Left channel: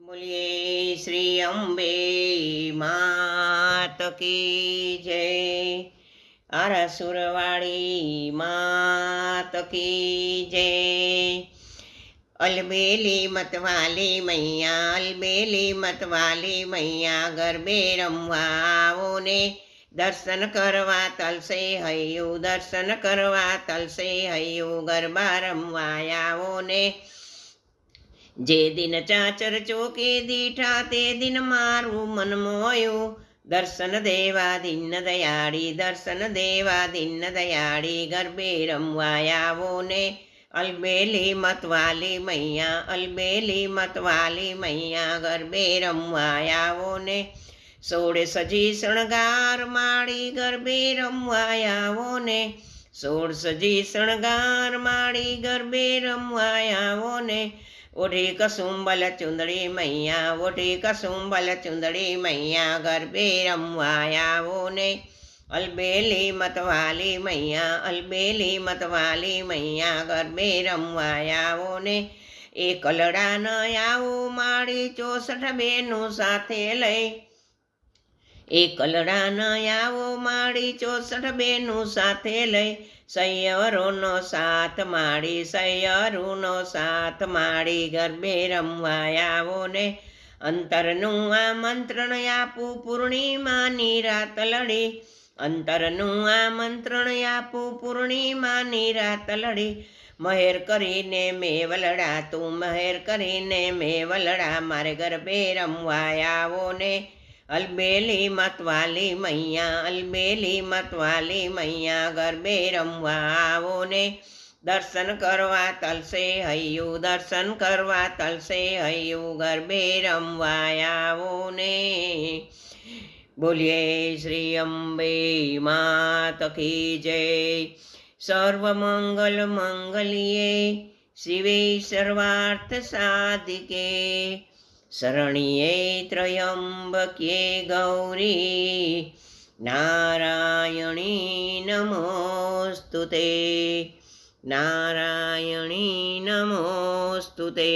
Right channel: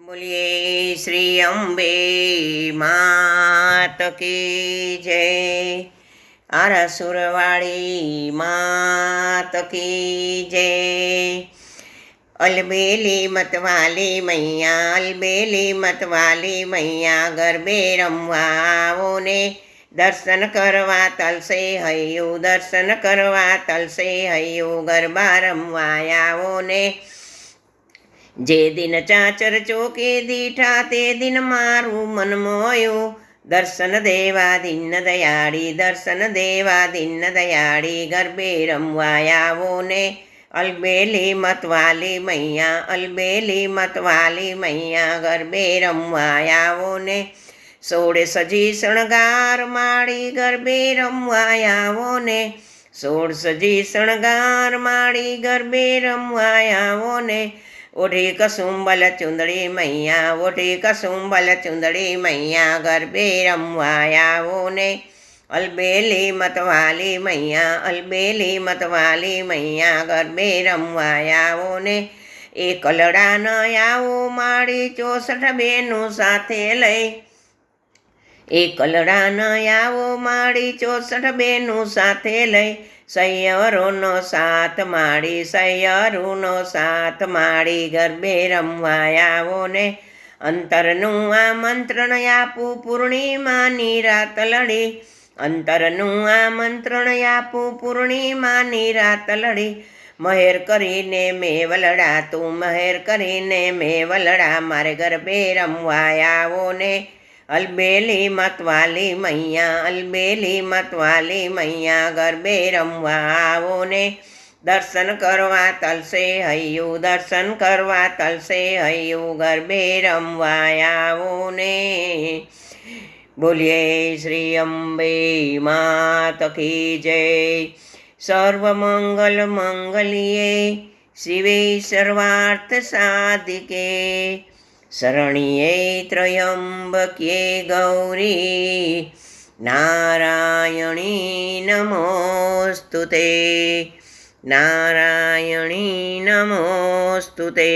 બોલીએ શ્રી અંબે માત કી જય. આરાસુરવાળી માત કી જય. અલબેલી મતવાલી મૈયા, અલબેલી મતવાલી મૈયા, ગરબે રમવા ને દર્શન કરવા તલસે હૈયું, દર્શન કરવા તલસે હૈયું, ગરબા રમવા આવો ને જે દિન ચાચર ચોકે દીઠા તે દિન મારું મન મોયું. દર્શન દેવા દિન દયાળી, દર્શન દેવા દિન દયાળી. ગરબે રમવા આવો ને અલબેલી મતવાલી મૈયા, અલબેલી મતવાલી મૈયા. ગરબે રમવા આવો ને સોળે સજી શણગાર માળી. ગરબે રમવા આવો ને સોળ સજી શણગાર માળી. ગરબે રમવા આવો ને ઓઢી કસુંબલ ચુંદડી મૈયા ઓઢી કસુંબલ ચુંદડી મૈયા ગરબે રમવા આવો ને અલબેલી મતવાલી મૈયા અલબેલી મતવાલી મૈયા ગરબે રમવા આવો ને એ કલડા ન આવો માળી ચોસઠ બેનું સાથે લઈ એ કલડા ન આવો માળી ચોસઠ બેનું સાથે લઈ સૈયરોનો સાથ માળી સૈયરુનો સાથ માળી ગરબે રમવા આવો ને અંતરનું આમંત્રણ આપું, પૂર્ણિમાની રાત લડી. અંતરનું આમંત્રણ આપું, પૂર્ણિમાની રાત લડી. મહેર કરીને મેં વલડા તું મહેર કરીને મેં વલડા મારે ગરબે રમવા આવો ને અલબેલી મતવાલી મૈયા અલબેલી મતવાલી મૈયા ગરબે રમવા આવો ને દર્શન કરવા તલસે હૈયું દર્શન કરવા તલસે હૈયું ગરબે રમવા આવો ને બોલીએ શ્રી અંબે માત કી જય સર્વમંગલ મંગલીએ શિવે સર્વાર્થ સાધિકે શરણ્યે ત્રયંબક્યે ગૌરી નારાયણી નમોસ્તુ તે નારાયણી નમોસ્તુ તે